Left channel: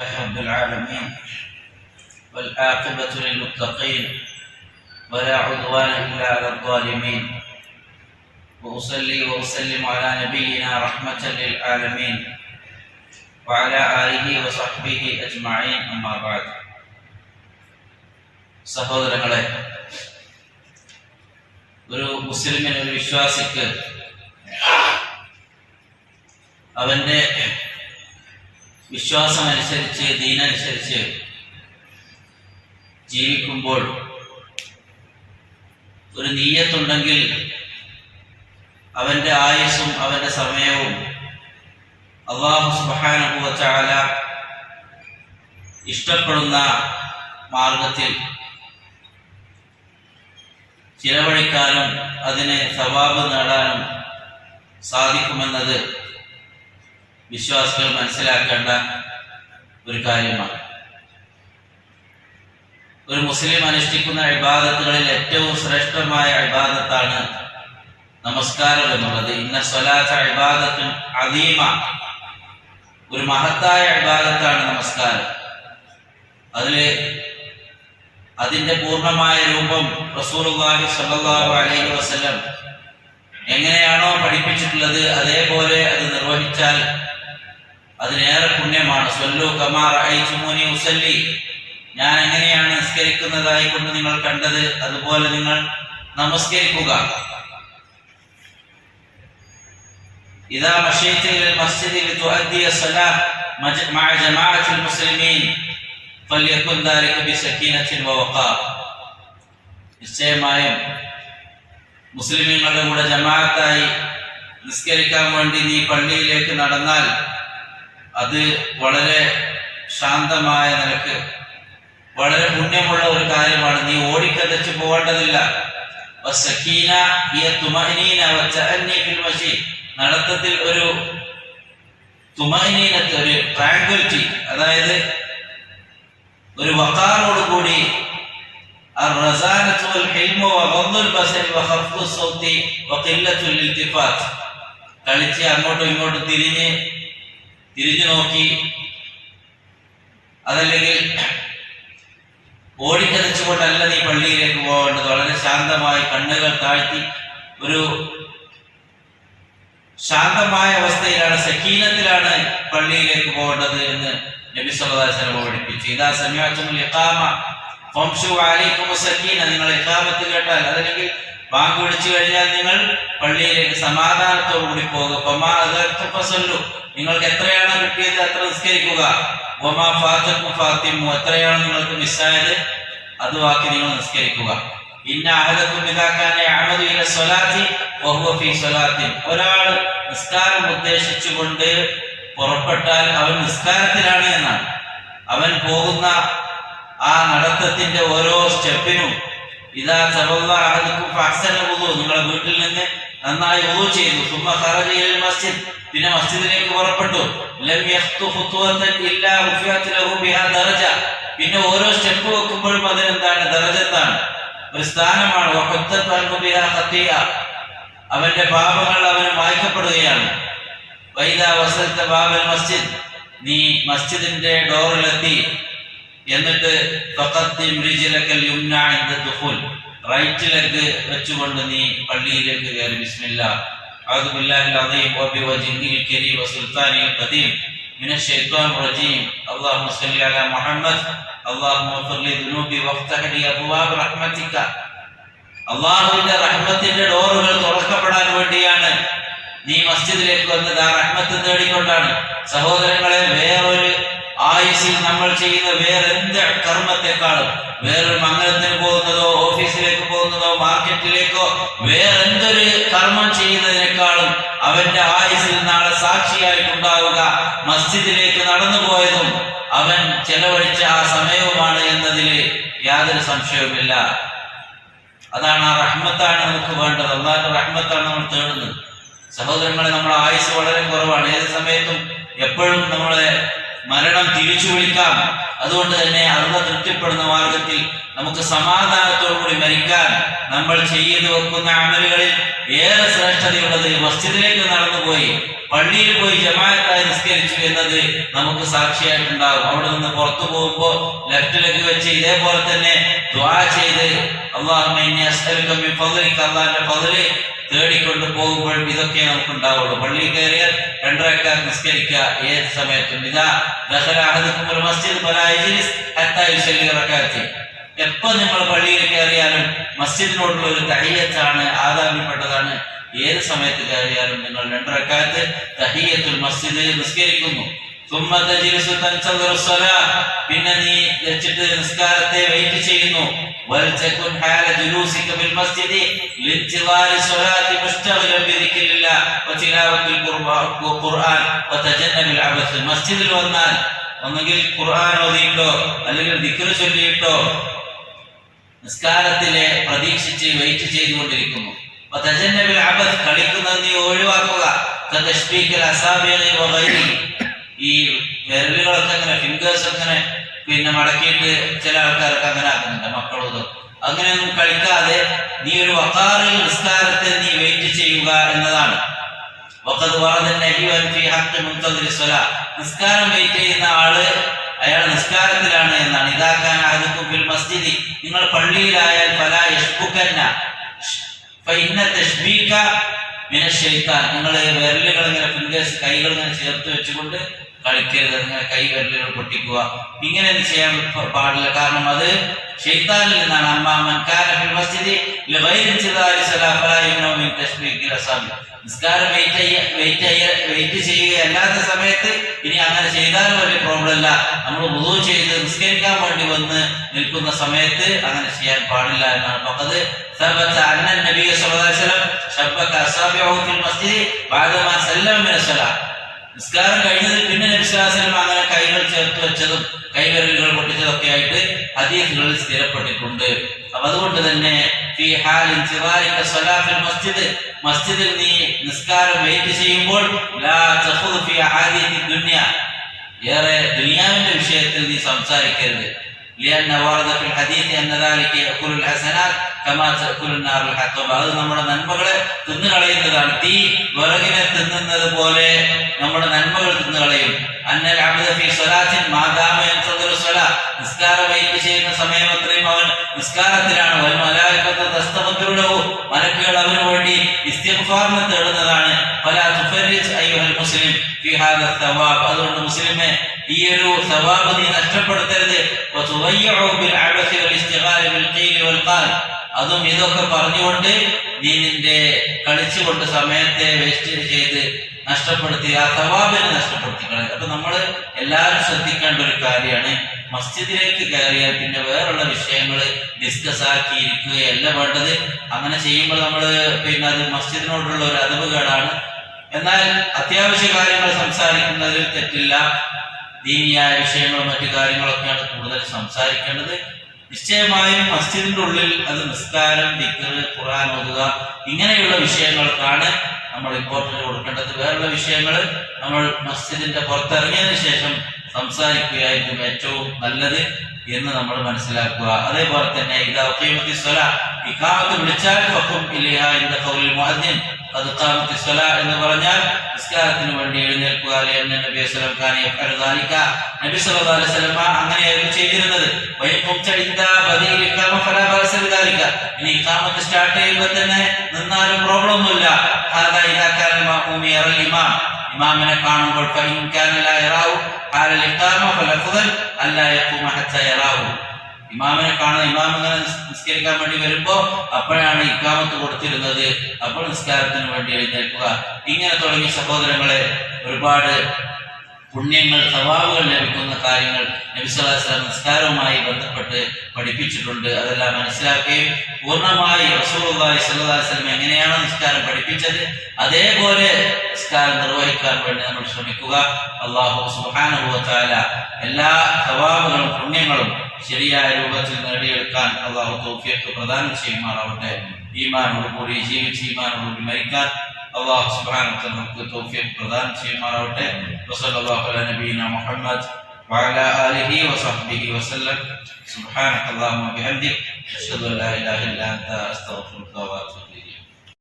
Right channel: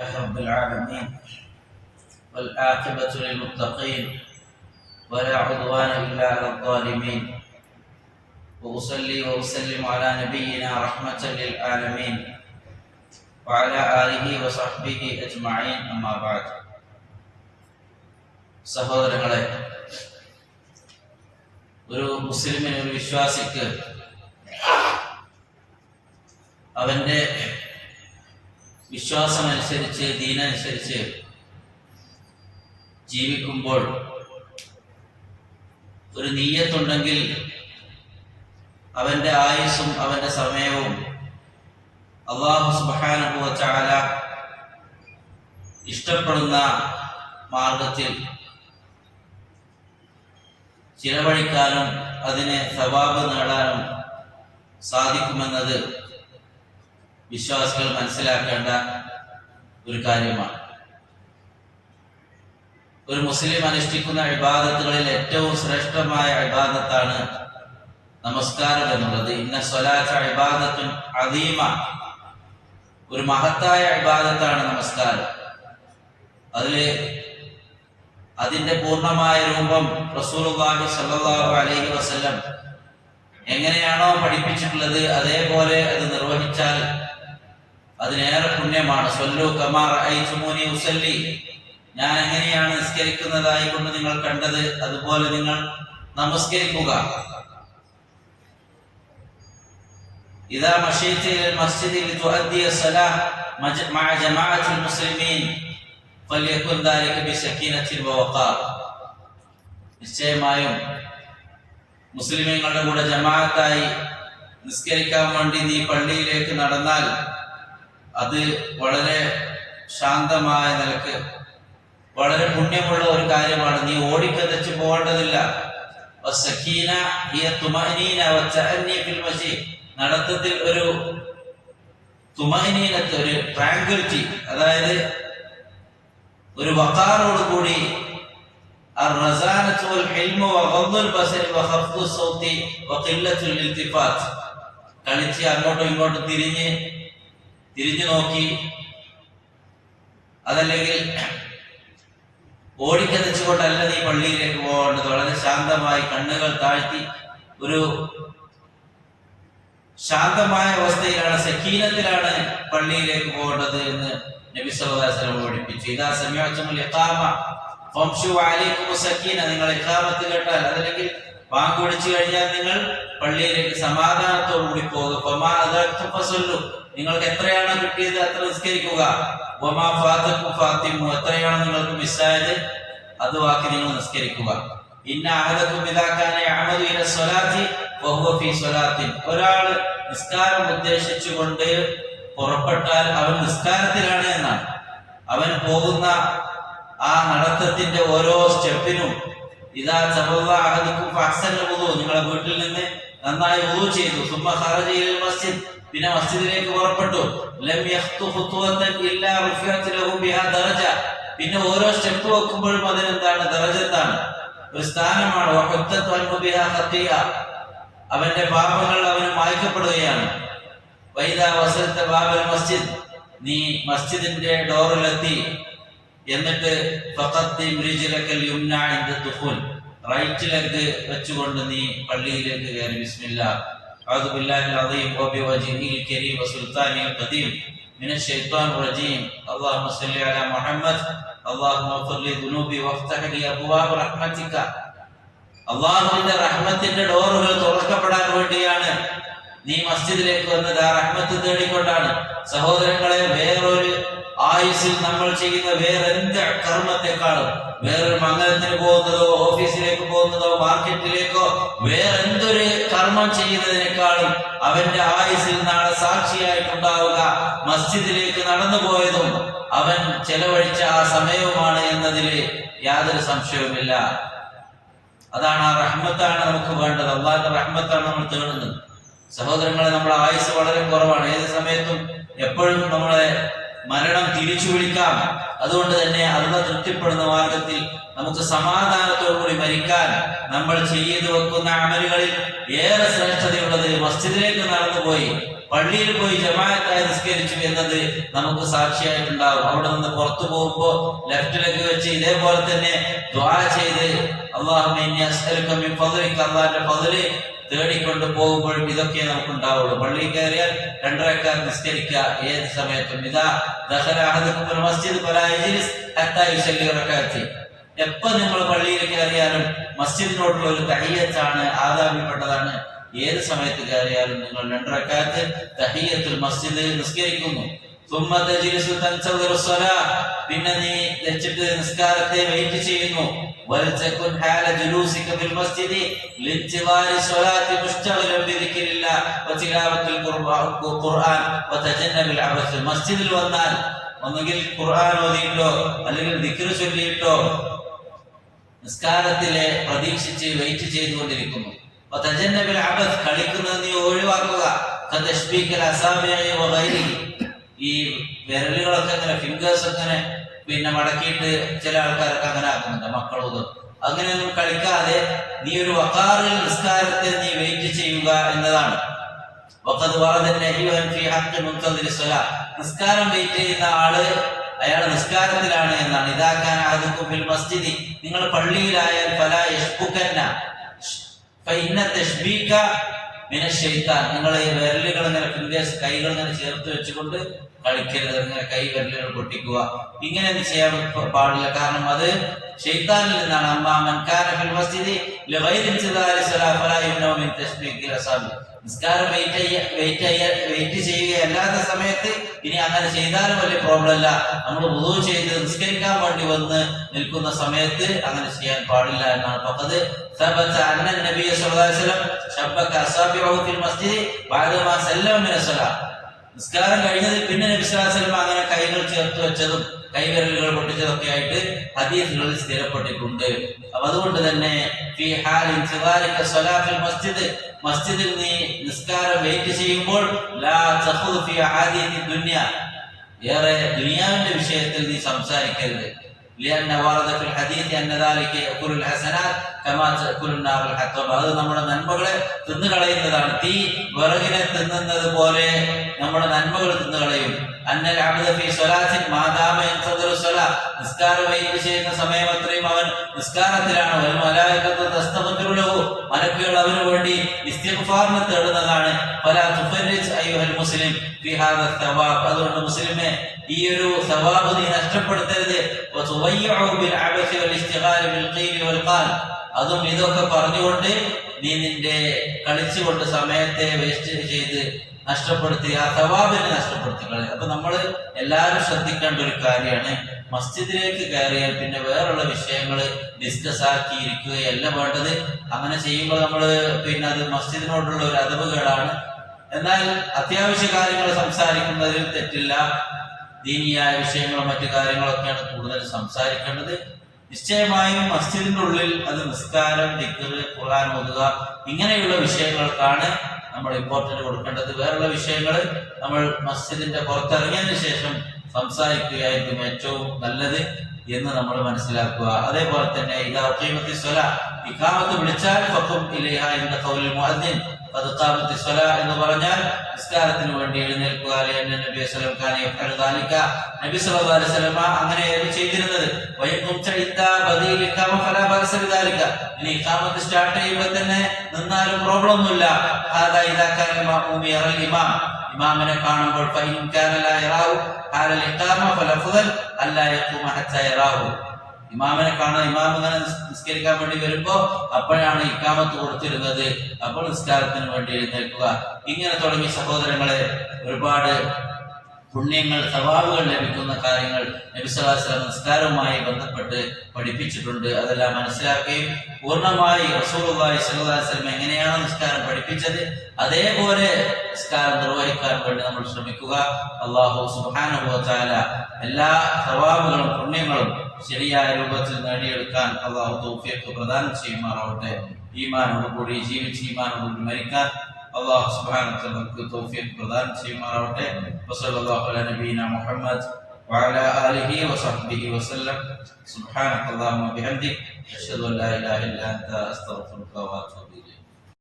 رب العالمين والعاقبة للمتقين ولا عدوان إلا على الظالمين وأصلي وأسلم على نبينا رحمة للعالمين وعلى آله وصحبه أجمعين أما بعد. സഹോദരങ്ങളെ, ഒരു മുസ്ലിമിന്, ഒരു വിശ്വാസിക്ക് അവന്റെ വിശ്വാസമനുസരിച്ച്, ദീനനുസരിച്ച് ജീവിക്കുമ്പോൾ ഒരു നിയ്യത്തുണ്ടെങ്കിൽ അവന്റെ ആയുസ്സും അവന്റെ സമയവും അല്ലാഹു സുബ്ഹാനഹു വ തആല ഇഷ്ടപ്പെടുന്ന മാർഗത്തിൽ ചിലവഴിക്കാനും അതിന് സവാബ് നേടാനും സാധിക്കുമെന്നത് വിശ്വാസികൾ മനസ്സിലാക്കേണ്ട ഒരു കാര്യമാണ്. ഒരു മുസ്ലിം അനുഷ്ഠിക്കുന്ന ഇബാദത്തുകളിൽ ഏറ്റവും ശ്രേഷ്ഠമായ ഇബാദത്താണ് നമസ്കാരം എന്നുള്ളത്. ഇന്ന സ്വലാത്ത ഇബാദത്തുൻ അദീമ, ഒരു മഹത്തായ ഇബാദത്താണ് നമസ്കാരം. അതിന്റെ പൂർണ്ണമായ രൂപം റസൂലുള്ളാഹി സ്വല്ലല്ലാഹു അലൈഹി വസല്ലം എങ്ങനെയാണോ പഠിപ്പിച്ചിട്ടുള്ളത് അതേപോലെ അത് നിർവഹിച്ചാൽ അതിനേറെ പുണ്യമാണ്. സ്വല്ലു കമാ റഅയ്തുമൂനി ഉസല്ലി, ഞാൻ എങ്ങനെയാണ് നിസ്കരിക്കുന്നതായി കൊണ്ട് നിങ്ങൾ കണ്ടത് അതുപോലെ നിങ്ങൾ നമസ്കരിക്കുക. ഇദാ മശൈത ഇലൽ മസ്ജിദി ലിതുഅദ്ദിയ സ്വലാഹ് മഅ ജമാഅത്തിൽ മുസ്ലിമീൻ ഫല്യകുൻ ദാലിക ബിസക്കീനത്തിൻ വവഖാർ. നിശ്ചയമായും മുസ്ലിമീങ്ങളുടെ കൂടെ ജമാഅത്തായി നിസ്കരിക്കാൻ വേണ്ടി നീ പള്ളിയിലേക്ക് നടന്നാൽ അത് വളരെ ശാന്തമായ നിലക്ക് വളരെ പുണ്യമുള്ള ഒരു കാര്യമാണ്. നീ ഓടിക്കതച്ച് പോകേണ്ടതില്ല. നടത്തത്തിൽ ഒരു തുമഅനീനത്ത്, ഒരു ട്രാങ്ക്വിലിറ്റി, അതായത് ഒരു വഖാറോട് കൂടി കളിച്ച് അങ്ങോട്ടും ഇങ്ങോട്ടും തിരിഞ്ഞു നോക്കി, അതല്ലെങ്കിൽ ഓടിക്കതച്ചുകൊണ്ടല്ല നീ പള്ളിയിലേക്ക് പോകേണ്ടത്. വളരെ ശാന്തമായി കണ്ണുകൾ താഴ്ത്തി ഒരു ശാന്തമായ അവസ്ഥയിലാണ്, സക്കീനത്തിലാണ് പള്ളിയിലേക്ക് പോകേണ്ടത് എന്ന് നബി സല്ലല്ലാഹു അലൈഹി വസല്ലം പഠിപ്പിച്ചു. ഇദാ സമിഅതുൽ ഇഖാമ ഫംശു അലൈക്കും സക്കീന, നിങ്ങൾ ഇഖാമത്ത് കേട്ടാൽ അതല്ലെങ്കിൽ ബാങ്ക് വിളിച്ചു കഴിഞ്ഞാൽ നിങ്ങൾ പള്ളിയിലേക്ക് സമാധാനത്തോടു കൂടി പോകുക. ഫമാ അദർതു ഫസല്ലു, നിങ്ങൾക്ക് എത്രയാണോ കിട്ടിയത് അത്ര നിസ്കരിക്കുക. വമാ ഫാതകും ഫാത്തിമു, എത്രയാണോ നിങ്ങൾക്ക് മിസ്സായത് അത് ബാക്കി നിങ്ങൾ നിസ്കരിക്കുക. ഇന്ന അഹദകും ഇദാ കാന യഅമദു ഇല സ്വലാത്തി വഹുവ ഫീ സ്വലാത്തിൻ, ഒരാൾ നിസ്കാരം ഉദ്ദേശിച്ചുകൊണ്ട് പുറപ്പെട്ടാൽ അവൻ നിസ്കാരത്തിലാണ് എന്നാണ്. അവൻ പോകുന്ന ആ നടത്തത്തിന്റെ ഓരോ സ്റ്റെപ്പിനും ഇദാ തവല്ല അഹദകും ഫഅഹ്സന വുളു, നിങ്ങളുടെ വീട്ടിൽ നിന്ന് നന്നായി വുളു ചെയ്തു. സുമ്മ ഖറജ ഇലൽ മസ്ജിദ്, പിന്നെ മസ്ജിദിലേക്ക് പുറപ്പെട്ടു. ലം യഖ്തു ഖുത്വതൻ ഇല്ലാ റുഫിഅത് ലഹു ബിഹാ ദറജ, പിന്നെ ഓരോ സ്റ്റെപ്പ് വെക്കുമ്പോഴും അതിനെന്താണ്? ദറജത്താണ്, ഒരു സ്ഥാനമാണ്. വഖത്തതു അൻഹു ബിഹാ ഖത്തിയ, അവന്റെ പാപങ്ങൾ അവന് മായ്ക്കപ്പെടുകയാണ്. വൈദാ വസൽത ബാബൽ മസ്ജിദ്, നീ മസ്ജിദിന്റെ ഡോറിലെത്തി എന്നിട്ട് ഫഖദ്ദിം റിജ്ലകൽ യുംനാ ഇൻദ ദുഖൂൽ, റൈറ്റ് ലെഗ് വെച്ചുകൊണ്ട് നീ പള്ളിയിലേക്ക് കയറി. ബിസ്മില്ലാഹ് അഊദു ബില്ലാഹിൽ അദീം വബിവജ്ഹിൽ കരീം വസുൽത്താനിൽ ഖദീം മിനശ് ശൈത്വാനിർ റജീം. അല്ലാഹുമ്മ സ്വല്ലി അലാ മുഹമ്മദ് അല്ലാഹുമ്മ ഗ്ഫിർ ലി ദുനൂബി വഫ്തഹ് ലി അബ്വാബ റഹ്മതിക. അല്ലാഹുവിന്റെ റഹ്മത്തിന്റെ ഡോറുകൾ തുറക്കപ്പെടാൻ വേണ്ടിയാണ് നീ മസ്ജിദിലേക്ക് വന്നത്, ആ റഹ്മത്ത് തേടിക്കൊണ്ടാണ്. സഹോദരങ്ങളെ, വേറൊരു ആയുസ്സിൽ നമ്മൾ ചെയ്യുന്ന വേറെന്ത് കർമ്മത്തെക്കാളും, വേറൊരു മംഗലത്തിന് പോകുന്നതോ ഓഫീസിലേക്ക് പോകുന്നതോ മാർക്കറ്റിലേക്കോ വേറെന്തൊരു കർമ്മം ചെയ്യുന്നതിനേക്കാളും അവന്റെ ആയുസ്സിൽ നാളെ സാക്ഷിയായിട്ടുണ്ടാവുക മസ്ജിദിലേക്ക് നടന്നു പോയതും അവൻ ചെലവഴിച്ച ആ സമയവുമാണ് എന്നതിൽ യാതൊരു സംശയവുമില്ല. അതാണ്, ആ റഹ്മത്താണ് നമുക്ക് വേണ്ടത്. അല്ലാഹുവിന്റെ റഹ്മത്താണ് നമ്മൾ തേടുന്നത്. സഹോദരങ്ങളെ, നമ്മുടെ ആയുസ് വളരെ കുറവാണ്. ഏത് സമയത്തും എപ്പോഴും നമ്മളെ മരണം തിരിച്ചു വിളിക്കാം. അതുകൊണ്ട് തന്നെ അള്ളാഹ് തൃപ്തിപ്പെടുന്ന മാർഗത്തിൽ നമുക്ക് സമാധാനത്തോടുകൂടി മരിക്കാൻ നമ്മൾ ചെയ്തു വെക്കുന്ന അമലുകളിൽ ഏറെ ശ്രേഷ്ഠതയുള്ളത് മസ്ജിദിലേക്ക് നടന്നുപോയി പള്ളിയിൽ പോയി ജമാഅത്തായി നിസ്കരിച്ചു എന്നത് നമുക്ക് സാക്ഷിയായിട്ടുണ്ടാകും. അവിടെ നിന്ന് പുറത്തു പോകുമ്പോൾ ലെഫ്റ്റിലേക്ക് വെച്ച് ഇതേപോലെ തന്നെ ദുആ ചെയ്ത് അല്ലാഹുമ്മ ഇന്നി അസ്അലുക മിൻ ഫദ്ലിക, അല്ലാഹുവിന്റെ ഫദ്ല് തേടിക്കൊണ്ട് പോകുമ്പോൾ ഇതൊക്കെ നമുക്ക് ഉണ്ടാവുള്ളൂ. പള്ളിയിൽ കയറിയാൽ 2 റക്അത്ത് നിസ്കരിക്കുക ഏത് സമയത്തും. ഇദാ ദഖല അഹദുകുമുൽ മസ്ജിദ് ഫലാ യജ്ലിസ് ഹത്താ യുസല്ലി റക്അത്തൈൻ. എപ്പോ നിങ്ങൾ പള്ളിയിൽ കയറിയാലും മസ്ജിദിനോടുള്ള ഒരു തഹിയ്യത്താണ്, ആദാബിൽപ്പെട്ടതാണ്. ഏത് സമയത്ത് കയറിയാലും നിങ്ങൾ 2 റക്അത്ത് തഹിയ്യത്തുൽ മസ്ജിദ് നിസ്കരിക്കുന്നു. ثم تجلس تنتظر الصلاه, പിന്നെ നീ വെച്ചിട്ട് നിസ്കാരത്തെ വെയിറ്റ് ചെയ്യുന്നു. ولتكن حال جلوسك في المسجد لانتظار الصلاه مشتغلا بذكر الله وتلاوه القران وتجنب العبث. മസ്ജിദിൽ വന്നാൽ ഒന്നുകിൽ ഖുർആൻ ഓതിയിട്ടോ അല്ലെങ്കിൽ ദിക്ർ ചൊല്ലിയിട്ടോ നിസ്കാരത്തിലെ പ്രതീക്ഷിച്ച് വെയിറ്റ് ചെയ്തുകൊണ്ടിരിക്കുന്നു. വതജന്നബിൽ അബസ്, കളിക്കുന്നത് നീ ഒഴിവാക്കുക. കതശ്ബീകൽ അസാബിഇ വഗൈരിഹി, ഈ വിരലുകളൊക്കെ അങ്ങനെ ഫിംഗേഴ്സ് അങ്ങനെ പിന്നെ മടക്കിയിട്ട് ചില ആൾക്കാരൊക്കെ അങ്ങനെ ആക്കുന്നുണ്ട്, മക്കളോതും. അങ്ങനെയൊന്നും കളിക്കാതെ നീ ഒരു വഖാറിൽ നിസ്കാരത്തെ നീ വെയിറ്റ് ചെയ്യുക എന്നതാണ്. വഖദ് വറദ നഹ്യു ഫീ ഹഖ് മുൻതദിരി സ്വലാ, നിസ്കാരം വെയിറ്റ് ചെയ്യുന്ന ആള് അയാൾ നിസ്കാരത്തിലാണ് എന്നാണ്. ഇദാ കാന അഹദുകും ഫിൽ മസ്ജിദി, നിങ്ങൾ പള്ളിയിലായാൽ ഫലാ യശ്ബുകന്ന ഫഇന്ന തശ്ബീക മിനശ് ശൈത്താൻ, നിങ്ങൾ വിരലുകൾ ഇങ്ങനെ ഫിംഗേഴ്സ് കൈകൾ ഇങ്ങനെ ചേർത്ത് വെച്ചുകൊണ്ട് കളിക്കരുത്. അങ്ങനെ കൈ വിരലുകൾ പൊട്ടിക്കുക, ഇങ്ങനെ ചെയ്യാൻ പാടില്ല. കാരണം അത് ശൈത്താനിൽ നിന്നാണ്. അമ്മാ മൻ കാന ഫിൽ മസ്ജിദി ലിഗൈരി ഇൻതിദാരി സ്വലാ ഫലാ യുംനഉ മിൻ തശ്ബീഖിൽ അസാബി, നിസ്കാരം വെയിറ്റ് ചെയ്യുകയല്ലാത്ത സമയത്ത് ഇനി അങ്ങനെ ചെയ്താലും വലിയ പ്രോബ്ലം അല്ല. നമ്മൾ വുളൂ ചെയ്ത് നിസ്കരിക്കാൻ വേണ്ടി വന്ന് നിൽക്കുന്ന സമയത്ത് അങ്ങനെ ചെയ്യാൻ പാടില്ല എന്നാണ്. ഫഖദ് ثبت أن النبي صلى الله عليه وسلم شبك أصابعه في المسجد بعدما سلم من الصلاة, നിസ്കാരം കഴിഞ്ഞതിൽ പിന്നെ നബി സല്ലല്ലാഹു അലൈഹി വസല്ലം അങ്ങനെ കൈകൾ ചേർത്ത് വെച്ചതും കൈവിരലുകൾ പൊട്ടിച്ചതൊക്കെ ആയിട്ട് ഹദീസുകളിൽ സ്ഥിരപ്പെട്ടിട്ടുണ്ട്. അപ്പൊ അതുകൊണ്ട് തന്നെ ഫീ ഹാൽ ഇൻതിവാരിക സ്വലാത്തുൽ മസ്ജിദ്, മസ്ജിദിൽ നീ നിസ്കാരം വെയിറ്റ് ചെയ്യുമ്പോൾ ലാ തഖുദ് ഫീ അഹാദീഥി ദുനിയ, ഏറെ ദുനിയാവിന്റെ വിഷയത്തിൽ നീ സംസാരിക്കരുത്. لأن ورد في الحديث أن ذلك يأكل الحسنات كما تأكل النار الحطب, അത് നമ്മുടെ നന്മകളെ തിന്നുകളയുന്നതാണ്. തീ വിറകിനെ തിന്നുന്നത് പോലെ നമ്മുടെ നന്മകൾ തിന്നുകളയും. അന്നൽ അബ്ദ ഫീ സ്വലാത്തിൻ മാ ദാമ യൻതദിറു സ്വലാ, നിസ്കാരം വെയിറ്റ് ചെയ്യുന്ന സമയം അത്രയും അവൻ നിസ്കാരത്തിലാണ്. വൽ മലായികത്തു തസ്തഗ്ഫിറു ലഹു, മലക്കുകൾ അവന് വേണ്ടി ഇസ്തിഗ്ഫാറിനെ തേടുന്നതാണ്. ഫലാ തുഫരിജ് അയ്യുഹൽ മുസ്ലിം ഫീ ഹാദാ സവാബ്, അതുകൊണ്ട് മുസ്ലിമേ ഈ ഒരു സവാബ് നീ നഷ്ടപ്പെടുത്തരുത്. വതുവയ്യഉ ബിൽ അബസി വൽ ഇസ്തിഗാൽ ബിൽ ഖീൽ വൽ ഖാൽ, അതും ഇതൊക്കെ പറഞ്ഞുകൊണ്ട് നീ നിന്റെ കളിച്ചുകൊണ്ട് സമയത്തെ വേസ്റ്റ് ചെയ്ത് നഷ്ടപ്പെടുത്തി ആ സവാബിനെ നഷ്ടപ്പെടുത്തി കളയും. അപ്പൊ നമ്മൾ എല്ലാവരും ശ്രദ്ധിക്കേണ്ട ഒരു കാര്യമാണ്, മസ്ജിദിലേക്ക് കയറിയാൽ പിന്നെ വേറുള്ള വിഷയങ്ങൾ ഡിസ്കസ് ആക്കിയിരിക്കുകയല്ല വേണ്ടത്. അങ്ങനെ ചെയ്യുമ്പോൾ നമ്മൾ പിന്നെ അത് മസ്ജിദിനോടുള്ള ഒരു അതവുകേടാണ്. എന്നാൽ അത്യാവശ്യ കാര്യങ്ങൾ സംസാരിക്കുന്നതിൽ തെറ്റില്ല. ദീനിയായ വിഷയങ്ങളും മറ്റു കാര്യങ്ങളൊക്കെയാണ് കൂടുതൽ സംസാരിക്കേണ്ടത്. നിശ്ചയമായും മസ്ജിദിന്റെ ഉള്ളിൽ അത് നിസ്കാരം, ദിക്ർ, ഖുർആൻ ഓതുക ഇങ്ങനെയുള്ള വിഷയങ്ങൾക്കാണ് നമ്മൾ ഇമ്പോർട്ടൻറ്റ് കൊടുക്കേണ്ടത്. വേറുള്ള വിഷയങ്ങൾ നമ്മൾ മസ്ജിദിന്റെ പുറത്തിറങ്ങിയതിനു ശേഷം സംസാരിക്കുകയായിരിക്കും ഏറ്റവും നല്ലത് എന്ന് നമ്മൾ മനസ്സിലാക്കുക. അതേപോലെ തന്നെ ഇദാ ഖീമത്തി സ്വലാ, ഇഖാമത്ത് വിളിച്ചാൽ ഫഖും ഇലൈഹാ ഇൻദ ഖൗലിൽ മുഅദ്ദിൻ ഖദ് ഖാമത്തി സ്വലാ എന്ന് പറഞ്ഞാൽ നിസ്കാരത്തിന് വേണ്ടി എഴുന്നേൽക്കുക. നബി സല്ലല്ലാഹു അലൈഹി വസല്ലം കാന യഫഅലു ദാലിക, നബി സല്ലല്ലാഹു അലൈഹി വസല്ലം അങ്ങനെയായിരുന്നു ചെയ്തിരുന്നത്. ബദീൽ ഇഖാമ ഫലാ ബഅസ ബിദാലിക, ഇനി ഇഖാമത്ത് സ്റ്റാർട്ട് ചെയ്യുമ്പോൾ തന്നെ നിന്നാലും പ്രോബ്ലം ഒന്നുമില്ല. ഹാദാ ഇദാ കാന മഅ്മൂമ യറൽ ഇമാം, ഇമാമിനെ കാണുമ്പോൾ ഫഇൻ കാന ലാ യറാഹു ഹാലൽ ഇഖാമ ഫലഫ്ദൽ അല്ലാ യഖൂമ ഹത്താ യറാഹു, ഇമാമിനെ കാണുന്ന ഇമാം ഇങ്ങനെ നിസ്കരിക്കാൻ വേണ്ടി വരുമ്പോ അപ്പോഴാണ് ഇഖാമത്ത് കൊടുത്തിരുന്നത്, അപ്പോൾ നിസ്കാരത്തിന് വേണ്ടി എഴുന്നേൽക്കുക. ഇങ്ങനെ തുടങ്ങിയ സഹോദരങ്ങളെ ഒരുപാട് പുണ്യങ്ങൾ, സവാബുകൾ ലഭിക്കുന്ന കാര്യങ്ങൾ നബി സല്ലല്ലാഹു അലൈഹി വസല്ലം നിസ്കാരവുമായി ബന്ധപ്പെട്ട് പഠിപ്പിച്ചിട്ടുണ്ട്. അതെല്ലാം മനസ്സിലാക്കുകയും പൂർണ്ണമായി റസൂലുള്ളാഹി സ്വല്ലല്ലാഹു അലൈഹി വസല്ലം എങ്ങനെയാണ് നിസ്കാരം പഠിപ്പിച്ചത് അതേപോലെ നിസ്കാരം നിർവഹിക്കാൻ വേണ്ടി നമ്മൾ ശ്രമിക്കുക. അല്ലാഹു സുബ്ഹാനഹു വ തആല എല്ലാ സവാബുകളും പുണ്യങ്ങളും ശരിയായ രൂപത്തിൽ നേടിയെടുക്കാൻ അല്ലാഹു തൗഫീഖ് പ്രദാനം ചെയ്യുമാറാവട്ടെ. ഈമാനോടുകൂടി ജീവിച്ച് ഈമാനോടുകൂടി മരിക്കാൻ അല്ലാഹു സുബ്ഹാനഹു വ തആല നമുക്ക് തൗഫീഖ് പ്രദാനം ചെയ്യുമാറാവട്ടെ. വസല്ലല്ലാഹു അലാ നബിയിനാ മുഹമ്മദ് وعلى آله وصحبه وسلم. سبحانك اللهم وبحمدك أشهد أن لا إله إلا أنت أستغفرك وأتوب